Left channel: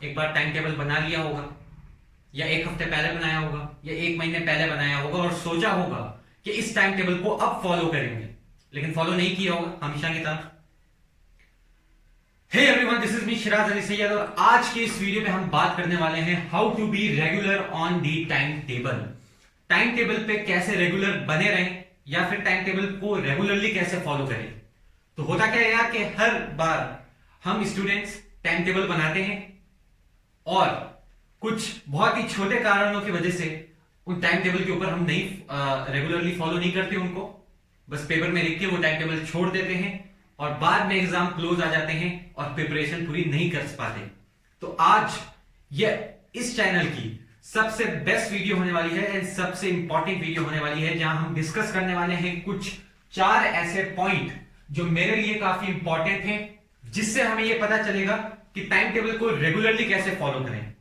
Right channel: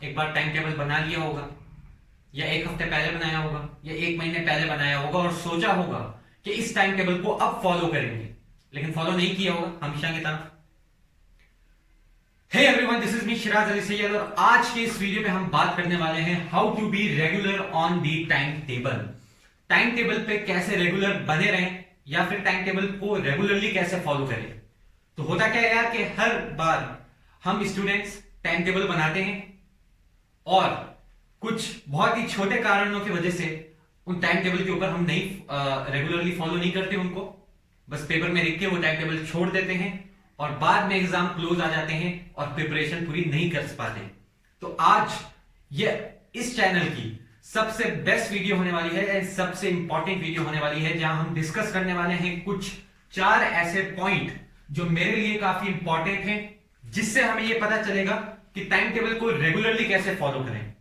एक बार time table बना लिया होगा, या एक हफ्ते पहले बनाया होगा, या एक महीने पहले बनाया होगा और सोचा होगा कि इस टाइम टेबल को अब फॉलो करेंगे, लेकिन फॉलो नहीं किया होगा हमेशा की तरह। Hey everyone, this is me Shiraz Ali Syed और आज के इस वीडियो में हम बात करने वाले हैं how to be regular on the time table. Time table पे कैसे रेगुलर बने रहें या फिर टाइम टेबल को रेगुलरली कैसे फॉलो करें। तो होता क्या है यार कि हर बार हम स्टूडेंट्स टाइम टेबल बनाते हैं और कुछ बहुत ही छोटे कारणों की वजह से उन टाइम टेबल के ऊपर हम नहीं रेगुलरली फॉलो नहीं करते उनको, बस पेपर में लिख के वो टाइम टेबल छोड़ देते हैं और बाद में एग्जाम क्लोज आ जाते हैं और प्रिपरेशन पूरी नहीं कर पाते। तो आज ये इस चैनल की सबसे बेस्ट वीडियो होने वाली है एंड सबसे इंपॉर्टेंट वीडियो होने वाली है, जहां हम डिस्कस करने वाले हैं कुछ 4 ऐसे पॉइंट जो मेरे लिए काफी इंपॉर्टेंट हैं, जिससे हमें यह पता चलेगा कि टाइम टेबल को रेगुलरली कैसे फॉलो करें।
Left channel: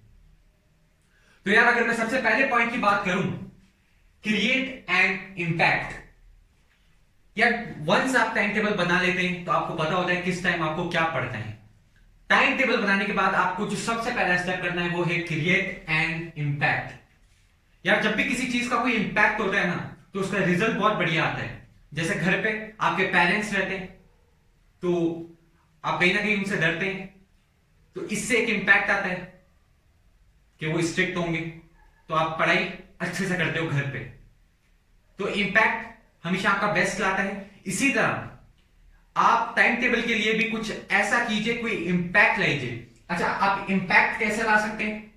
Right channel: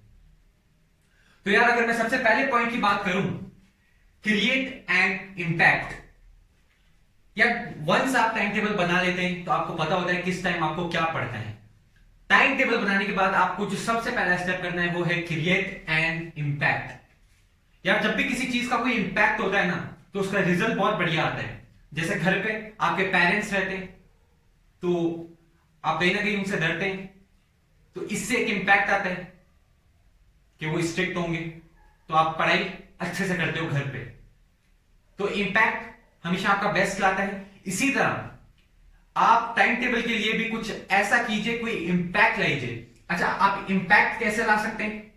तो यार अगर मैं सबसे पहले पॉइंट की बात करूं, क्रिएट एन इंपैक्ट। यार वंस आप टाइम टेबल बना लेते हैं तो आपको पता होता है किस टाइम आपको क्या पढ़ना है। टाइम टेबल बनाने के बाद आपको जो सबसे पहला स्टेप करना है वो है क्रिएट एन इंपैक्ट। यार जब भी किसी चीज का कोई इंपैक्ट होता है ना, तो उसका रिजल्ट बहुत बढ़िया आता है। जैसे घर पे आपके पेरेंट्स रहते हैं तो आप कहीं ना कहीं उनसे डरते हैं, तो इससे एक इंपैक्ट आता है कि वो स्ट्रिक्ट होंगे, तो आप पढ़ाई अच्छे से करते हो घर पे, तो इंपैक्ट हमेशा आपका बेस्ट लाता है। इसी तरह आप टाइम टेबल के लिए भी कुछ ऐसा कीजिए, कोई इंपैक्ट लाइए। अच्छा, आप इंपैक्ट कैसे ला सकते हैं?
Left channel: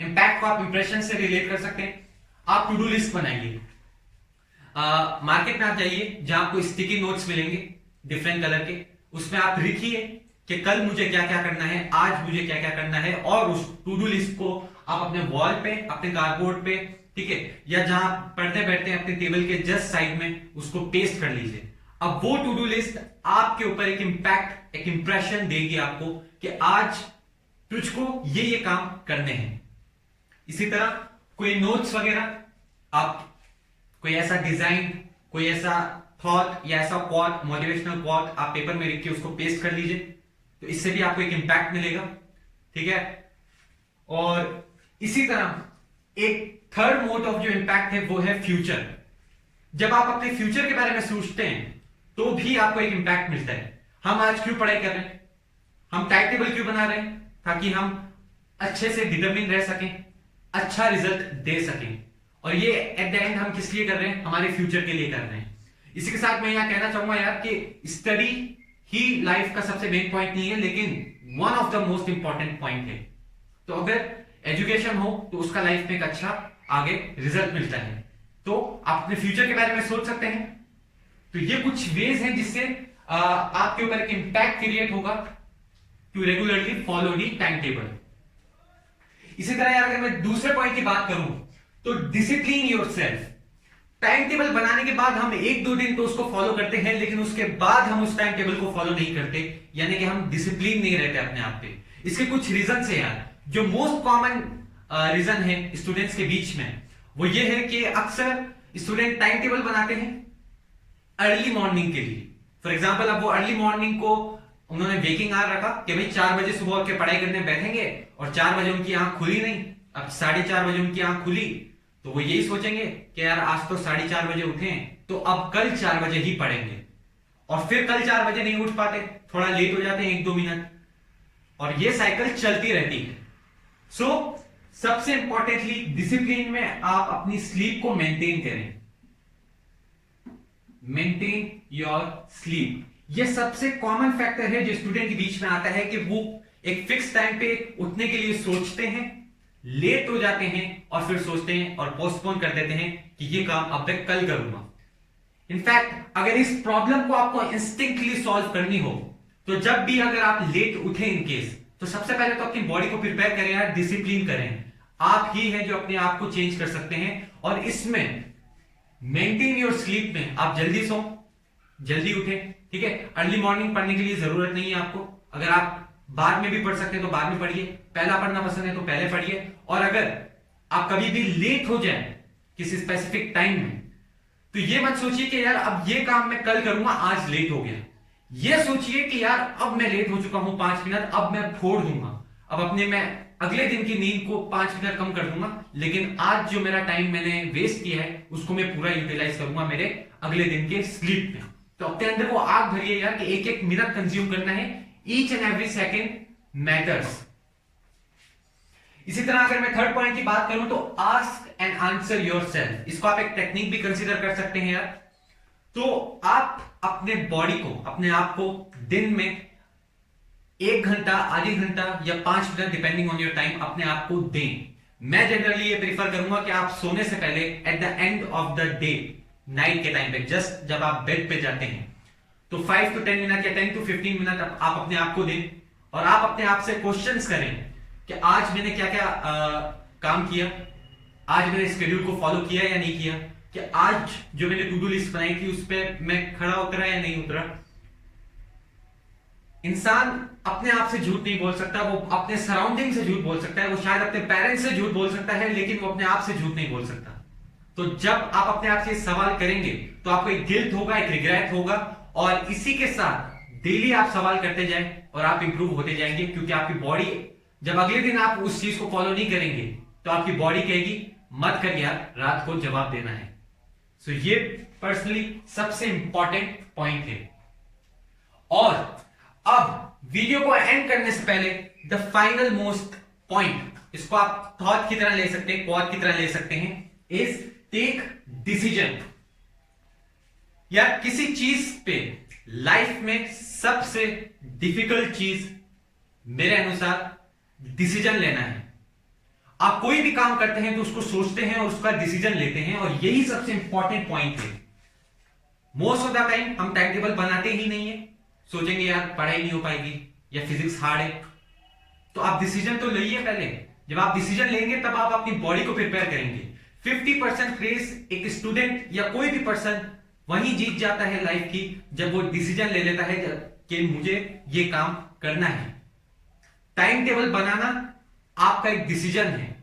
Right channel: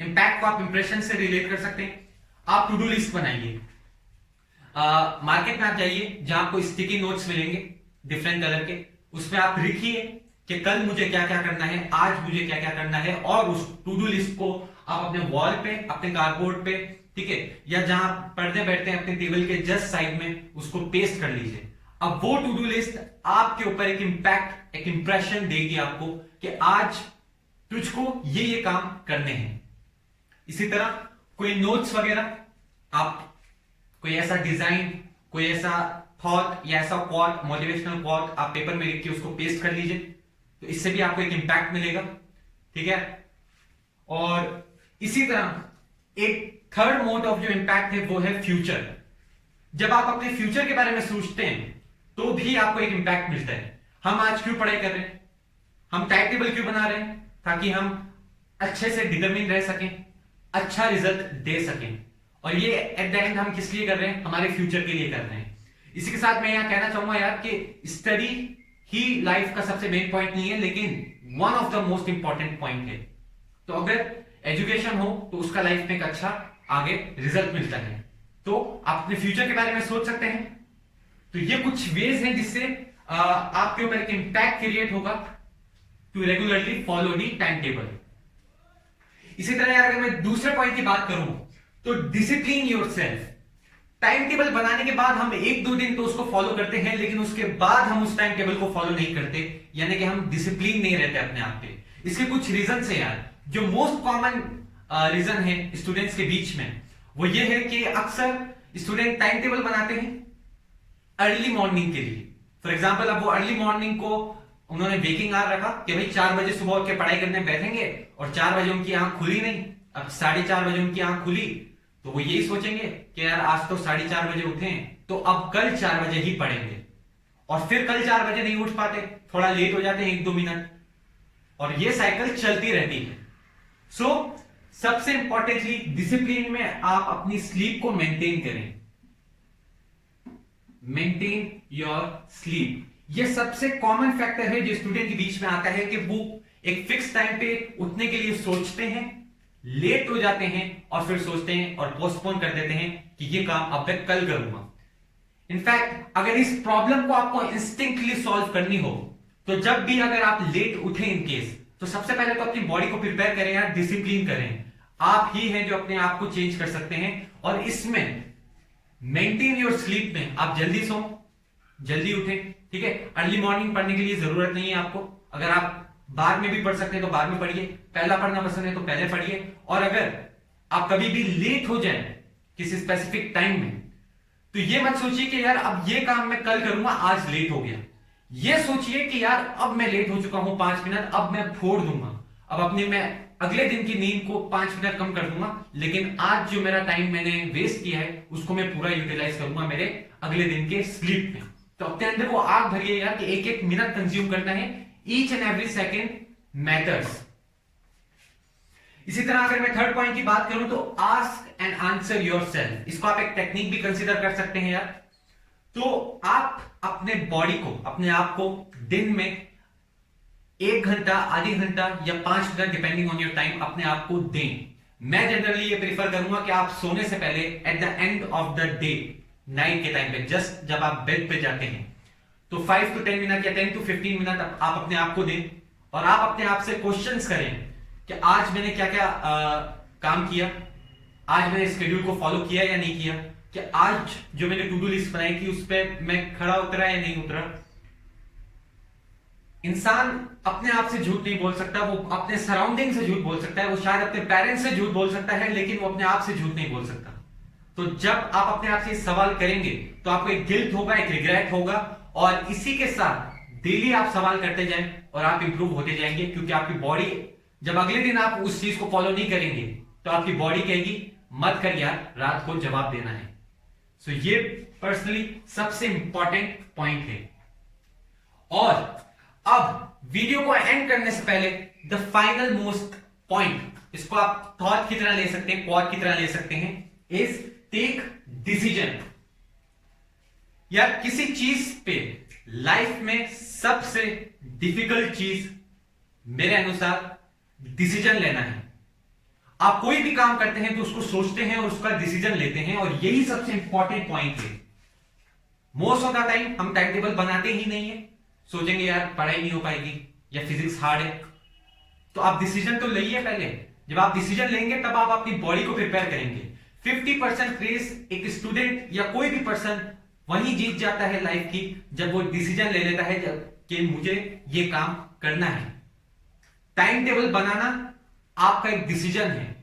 इंपैक्ट को आप इंप्रेशन से रिलेट कर सकते हैं। आप टू डू लिस्ट बनाइए। मार्केट में आप जाइए जहां आपको स्टिकी नोट्स मिलेंगे डिफरेंट कलर के, उसमें आप लिखिए कि कल मुझे क्या क्या करना है, आज मुझे क्या क्या करना है, और उस टू डू लिस्ट को आप अपने वॉल पे, अपने कार्डबोर्ड पे, ठीक है, या जहां पढ़ते बैठते हैं अपने टेबल के जस्ट साइड में, उसको पेस्ट कर लीजिए। अब वो टू डू लिस्ट आपके ऊपर एक इंपैक्ट, एक इंप्रेशन देगी आपको कि आज तुझको ये काम करने हैं। इसी तरह कोई नोट्स वगैरह, आप कोई ऐसा डिजाइन, कोई ऐसा थॉट या ऐसा क्वाट, मोटिवेशनल क्वाट आप पेपर में लिख के उसको पेस्ट कर लीजिए, तो इससे भी आपको एक इंपैक्ट मिलेगा, ठीक है। और इसी तरह एक थर्ड मोड ऑफ जो इंपैक्ट है वो है फ्यूचर। जब आप अपने फ्यूचर के बारे में सोचते हैं तो भी आपको एक इंपैक्ट मिलता है। हम आज क्यों पढ़ाई कर रहे हैं, हम टाइम टेबल क्यों बना रहे हैं, ताकि हम अच्छे से डिटरमिन रह सकें, अच्छा रिजल्ट दे सकें। और ये एट द एंड हम किस लिए कर रहे हैं? हमारे फ्यूचर के लिए कर रहे हैं। इसी के साथ मैं यहां कहना चाहूंगा यार कि स्टडी ही लाइफ का सबसे मेन पॉइंट नहीं है, लेकिन one of the most important point है। तो अगर एजुकेशन हो तो उसका लाइफ में एक अच्छा आगे रिजल्ट मिलता है। तो आप अपने फ्यूचर के बारे में सोच सकते हैं। तो ये कुछ वेज हैं जिससे आपके ऊपर एक इंपैक्ट क्रिएट होगा to regularly follow the time table. इसी तरह यार अगर मैं दूसरे पॉइंट की बात करूं तो डिसिप्लिन योरसेल्फ। टाइम टेबल बनाने के बाद हम 1-2 दिन तो उसको फॉलो करते हैं, लेकिन उसके बाद हम उस टाइम टेबल को फॉलो नहीं करते, यानी कि हम डिसिप्लिन नहीं रहते अपने आप पे। इसके कुछ रीजन है यार। जो मोस्ट कॉमन रीजन है स्टूडेंट्स के बीच में वो ये है कि अक्सर स्टूडेंट टाइम टेबल बनाते हैं अर्ली मॉर्निंग के लिए। फॉर एग्जांपल, अब वो अर्ली मॉर्निंग को उन्होंने वेकिंग आवर रखा कि भाई 4 बजे सुबह उठ के पढ़ाई करने बैठेंगे, और 4 बजे उनकी आंख खुली नहीं, अब 4:30 बजे उनकी आंख खुली, तो वो यही सोचेंगे कि यार आज तो 4:30 बजे उठे हैं तो अब कल 4 बजे ही पढ़ेंगे, और फिर कल 4 बजे नहीं उठ पाते, थोड़ा लेट हो जाते हैं 1-2 मिनट, और ये साइकिल चलती रहती है। सो सबसे इंपॉर्टेंटली डिसिप्लिन में आप अपनी स्लीप को मेंटेन करें। मेंटेन योर स्लीप, ये सबसे कॉमन फैक्टर है जो स्टूडेंट के बीच में आता है कि वो एक फिक्स टाइम पे उठने के लिए सोचते हैं, लेट हो जाते हैं, और फिर सोचते हैं और पोस्टपोन कर देते हैं कि ये काम अब मैं कल करूंगा। इनफैक्ट अगर इस प्रॉब्लम को आपको इंस्टिंक्टली सॉल्व करनी हो तो जब भी अगर आप लेट उठे इन केस, तो सबसे पहले तो अपनी बॉडी को प्रिपेयर करें यार, डिसिप्लिन करें। आप ही हैं जो अपने आप को चेंज कर सकते हैं। और इसमें मेंटेन योर स्लीप में आप जल्दी सो, जल्दी उठें, ठीक है। अर्ली मॉर्निंग पढ़ने के लिए जरूरत नहीं है आपको। अगर आप बाद में भी पढ़ सकते हैं तो बाद में पढ़िए, पहला पढ़ना पसंद है तो पहले पढ़िए। और अगर आप कभी भी लेट हो जाए किसी स्पेसिफिक टाइम में, तो ये मत सोचिए कि यार अब ये काम मैं कल करूंगा, आज लेट हो गया। ये सोचिए कि यार अब मैं लेट हो चुका हूं 5 मिनट, अब मैं फोड़ दूंगा, अब अपने में अगले दिन की नींद को 5 मिनट कम कर दूंगा, लेकिन आज जो मेरा टाइम मैंने वेस्ट किया है उसको मैं पूरा यूटिलाइज करूंगा मेरे अगले दिन के स्लीप में। तो अपने अंदर वो आग भरिए यार कि एक एक मिनट कंज्यूम करना है, each and every second matters. इसी तरह अगर मैं थर्ड पॉइंट की बात करूं तो आस्क एंड आंसर योरसेल्फ। इसको आप एक टेक्निक भी कंसीडर कर सकते हैं यार। तो आप अपने बॉडी को, अपने आप को दिन में 1 घंटा, आधी घंटा या 5 minute depending on your time अपने आप को दें। मैं जनरली ये प्रीफर करूंगा कि आप सोने से पहले at the end of the day, night के टाइम पे, जस्ट जब आप बेड पे जाते हैं, तो 5 to 10 मिनट या 10 to 15 मिनट आप अपने आप को दें और आप अपने आप से क्वेश्चंस करें कि आज मैंने क्या क्या काम किया, आज मैंने स्केड्यूल को फॉलो किया या नहीं किया, कि आज जो मैंने टू डू लिस्ट बनाई थी उस पर मैं खड़ा उतरा या नहीं उतरा। इंसान अपने आप से झूठ नहीं बोल सकता, वो अपने सराउंडिंग से झूठ बोल सकता है, वो शायद अपने पेरेंट्स से झूठ बोल सकता है, लेकिन वो अपने आप से झूठ नहीं बोल सकता। तो जब आप अपने आप से सवाल करेंगे तो आपको एक गिल्ट होगा, एक रिग्रेट होगा, और इसी के साथ डेली आप सवाल करते जाएं और आप इंप्रूव होते जाएंगे, क्योंकि आपकी बॉडी, जब अगले दिन आप उस चीज को फॉलो नहीं करेंगे तो आपकी बॉडी कहेगी मत कर यार, रात को जवाब देना है। सो ये पर्सनली सबसे इंपॉर्टेंट पॉइंट है। और अब वीडियो को एंड करने से पहले द फाइनल मोस्ट पॉइंट, इसको आप थॉट की तरह ले सकते हैं, क्वाड की तरह ले सकते हैं, इज टेक डिसीजन। या किसी चीज पे लाइफ में सबसे डिफिकल्ट चीज मेरे अनुसार डिसीजन लेना है। आप कोई भी काम करते हैं तो उसको सोचते हैं और उसका डिसीजन लेते हैं, और यही सबसे इंपॉर्टेंट पॉइंट है। मोस्ट ऑफ द टाइम हम टाइम टेबल बनाते ही नहीं है, सोचेंगे यार पढ़ाई नहीं हो पाएगी या फिजिक्स हार्ड है। तो आप डिसीजन तो लइए पहले। जब आप डिसीजन लेंगे तब आप अपनी बॉडी को प्रिपेयर करेंगे। 50% रेस एक स्टूडेंट या कोई भी पर्सन वहीं जीत जाता है लाइफ की, जब वो डिसीजन ले लेता है कि मुझे ये काम करना है। टाइम टेबल बनाना आपका एक डिसीजन है,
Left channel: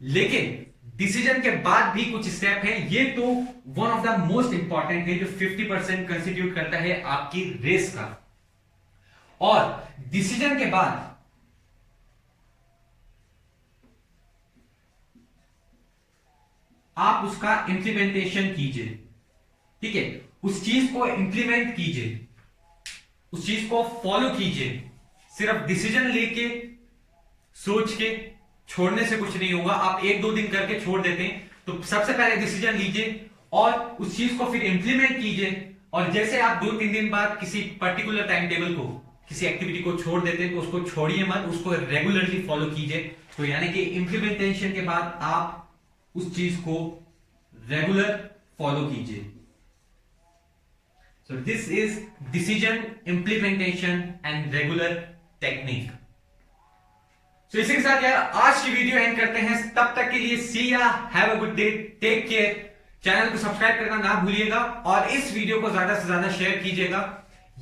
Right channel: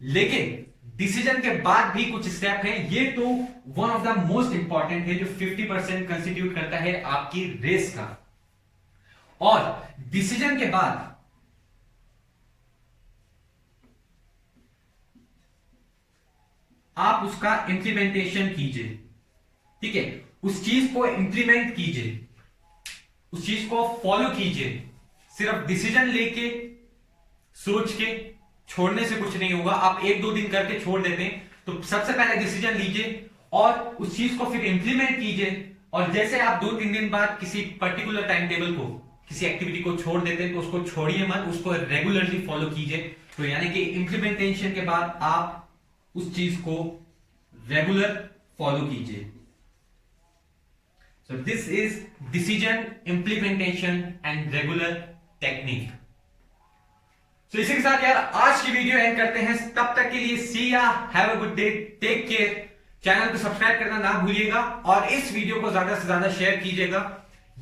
लेकिन डिसीजन के बाद भी कुछ स्टेप है। ये तो one of the most important है, जो 50% कंस्टिट्यूट करता है आपकी रेस का। और डिसीजन के बाद आप उसका इंप्लीमेंटेशन कीजिए, ठीक है, उस चीज को इंप्लीमेंट कीजिए, उस चीज को फॉलो कीजिए। सिर्फ डिसीजन लेके सोच के छोड़ने से कुछ नहीं होगा। आप 1-2 दिन करके छोड़ देते हैं, तो सबसे पहले डिसीजन लीजिए और उस चीज को फिर इंप्लीमेंट कीजिए। और जैसे आप 2-3 दिन बाद किसी पर्टिकुलर टाइम टेबल को, किसी एक्टिविटी को छोड़ देते हैं, तो उसको छोड़िए मत, उसको रेगुलरली फॉलो कीजिए। तो यानी कि इंप्लीमेंटेशन के बाद आप उस चीज को रेगुलर फॉलो कीजिए। So this is decision, implementation and regular technique. तो इसी के साथ यार आज की वीडियो एंड करते हैं। तब तक के लिए see ya, have a good day, take care. Channel को सब्सक्राइब करना ना भूलिएगा और इस वीडियो को ज्यादा से ज्यादा शेयर कीजिएगा।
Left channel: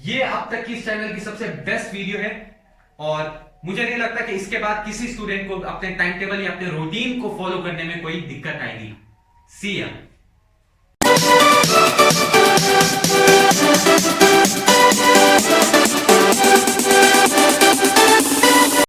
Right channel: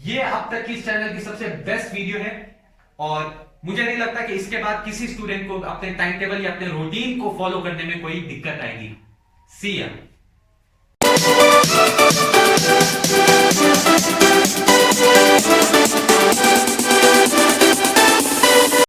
ये अब तक की इस चैनल की सबसे बेस्ट वीडियो है, और मुझे नहीं लगता कि इसके बाद किसी स्टूडेंट को अपने टाइम टेबल या अपने रूटीन को फॉलो करने में कोई दिक्कत आएगी। सी या।